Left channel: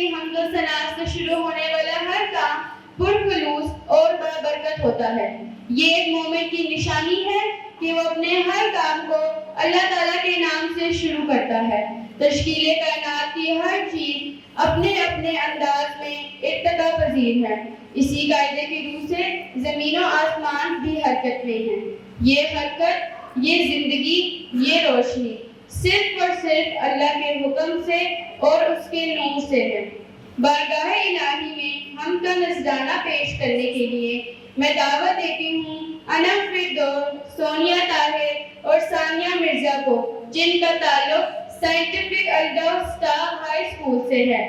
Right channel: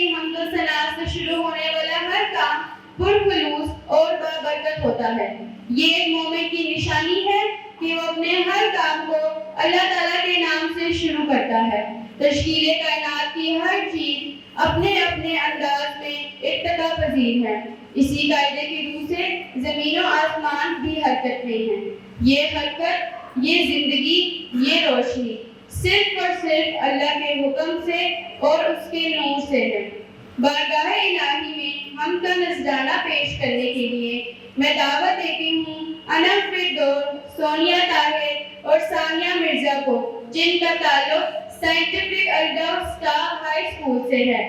की हम्दो सना से शुरू होने वाला हर काम पुरखुलूस और बरकत होता है। ये एक मोमिन की निशानी है कि वो अपने हर काम को अल्लाह ताला के नाम से शुरू करता है। तश्कीले कायनात की हर चीज अपने अपने अंदाज में इत्तबा पजीर है। इसी कायदे की रूह से जमीन और आसमान भी हरकत में है। ये हरकत, ये जिंदगी, ये रोशनी सिर्फ और सिर्फ अल्लाह के हुक्म से और उसके नूर से है। बारगाह इलाही में हम का नजराना पेश करने के लिए मैं दावत देती हूँ अनम फिरदौस, सोनिया ताहिर और सानिया मिर्जा को, जिनका ताल्लुक साइंटिफिक अल्डाउस स्टार हाई स्कूल से है।